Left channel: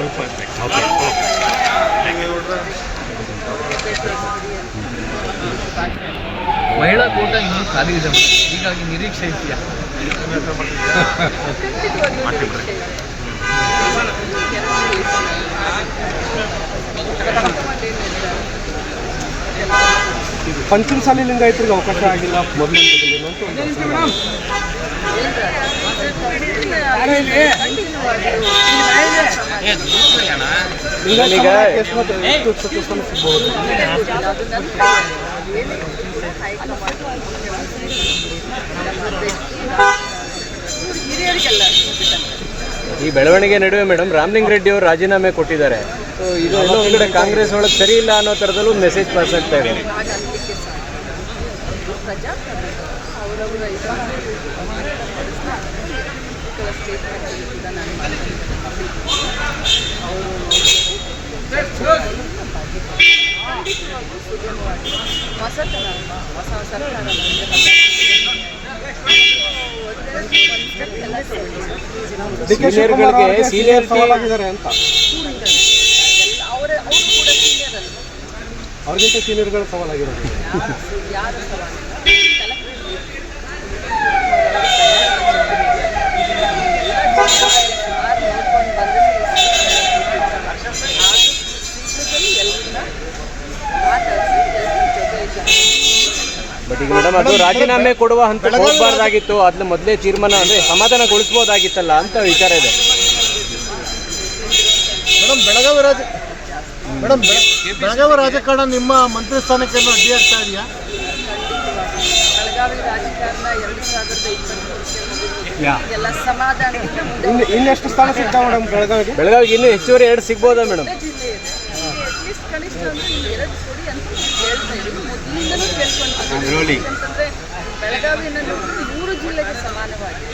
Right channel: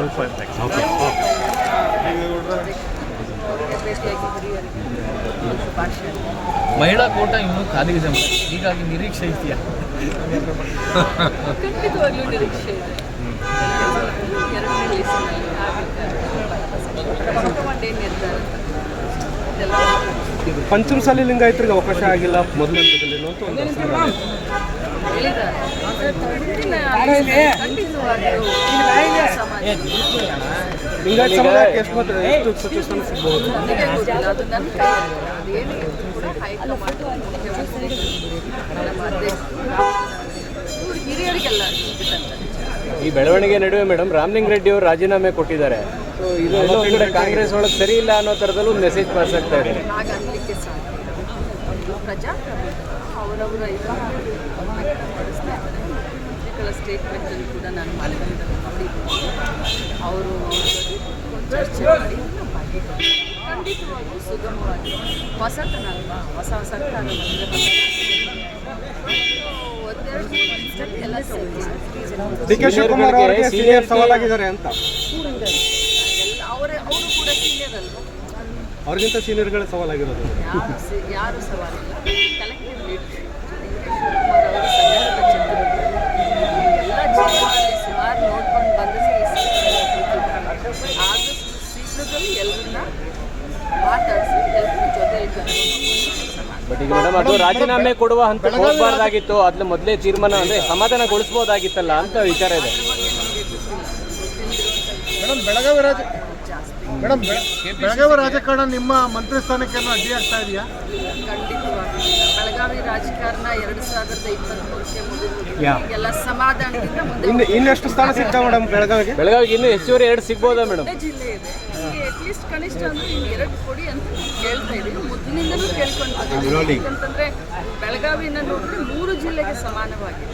ಸ್ವಲ್ಪ ಓಕೆ ಮಹಿಳಾ ಕೋಟ ಇನ್ನೂ ಖಾಲಿ ಇದೆ, ಹೀಗಾಗಿ ನಿರೀಕ್ಷೆ ಇದೆಯಾ? ಪಂಚಮಸಾಲಿ ಲಿಂಗಾಯತರಿಗೆ ಅವಕಾಶ ಆಗಿಲ್ಲ ಮೊದಲು ಹಂತದಲ್ಲಿ ಅಂತ ಒಂದು ಲಿಂಗಾಯತ ಸಮುದಾಯಕ್ಕೆ ಎಷ್ಟು ಸಚಿವ ಸ್ಥಾನ ಸಿಗ್ಬಹುದು? ಈ ಬೆಳವಣಿಗೆ ನಡುವೆ ಮೇಡಮ್ ರಾಮಲಿಂಗ ರೆಡ್ಡಿ ಅವರು ರಾಜೀನಾಮೆ ಕೊಟ್ಟಿದ್ದಾರೆ. ಸೊ ಇದು ಎಲ್ಲೋ ಒಂದು ಕಡೆ ಕಾಂಗ್ರೆಸ್ ಒಳಗೆ ಸರಿ ಇಲ್ಲ ಅನ್ನೋ ಥರದಲ್ಲೂ ಮೆಸೇಜ್ ಪಾಸ್ ಆಗ್ತಾ ಇದೆ. ಡಿ ಕೆ ಶಿವಕುಮಾರ್ ಅವರಿಗೆ ಸೀನಿಯರ್ ಸವಾಲಾಗಿದ್ದಾರೆ ಅಂತ. ಅವ್ರಿಗಿಂತ ಸೀನಿಯರ್ಗಳ ಸವಾಲಾಗಿರೋದು ಬಟ್ ಈಗ ಮೇಡಮ್ ಅದು ರಾಜೀನಾಮೆ ಕೊಡುವ ಹಂತ ಹೋಗಬಾರ್ದಾಗಿತ್ತು, ಅದನ್ನ ಮೊದಲೇ ತೀರ್ಮಾನ ಅಂದರೆ ಸಮಾಧಾನಗೊಳಿಸ್ಬೋದಾಗಿತ್ತಲ್ಲ ಅಂತ ವಿಚಾರ ಇದೆ. ಬೆಳಗಾವಿ ರಾಜಕಾರಣ ನಿಮ್ಮ ಮಂತ್ರಿ ಸ್ಥಾನಕ್ಕೆ ಅಡ್ಡಿ ಆಗ್ತಾ ಇದೆಯಾ? ಬೆಳಗಾವಿ ರಾಜಕಾರಣ 2023 ಸಮಾಧಾನ ಇನ್ನೆಷ್ಟು ಸ್ಥಾನ ಸಿಗ್ತಾವೆ ಮೇಡಮ್ ಬೆಳಗಾವಿಗೆ? ಬೆಳಗಾವಿಗೆ ಇನ್ನೂ ಹೆಚ್ಚುವರಿ 2 ಸಿಗ್ಬೋದಾ ಮೇಡಮ್? ಅಟ್ಲೀಸ್ಟ್ ಕನಿಷ್ಠ ಅಂದ್ರೆ 2 ಕೊಡಿ ಅಂತ ಹೇಳ್ತಾ ಇದ್ದೀವಿ. ಮೊದಲಿಂದಲೂ ಕೇಳ್ಕೊಂಡ್ಬಂದಿದ್ದೀವಿ. ಯಾಕಂತಂದ್ರೆ ಬೆಳಗಾವಿನ ನೋಡಿದ್ರೆ 3 ಜಿಲ್ಲೆಗೆ ಸಮಾನವಾಗಿ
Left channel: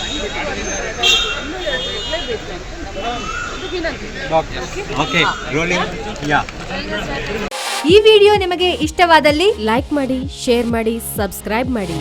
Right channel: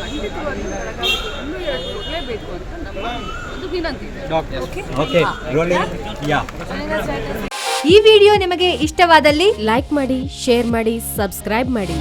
ಖಂಡಿತವಾಗಿ ಬೆಳಗಾವಿಗೆ ಇನ್ನೂ 2 ಇರಲೇಬೇಕು ಅಂತ ನಮ್ಮ ಒಂದು ವಿನಂತಿ. ಈ ವಿಡಿಯೋ ನಿಮಗೆ ಇಷ್ಟವಾದಲ್ಲಿ ಲೈಕ್ ಮಾಡಿ, ಶೇರ್ ಮಾಡಿ, ಸಬ್ಸ್ಕ್ರೈಬ್ ಮಾಡಿ.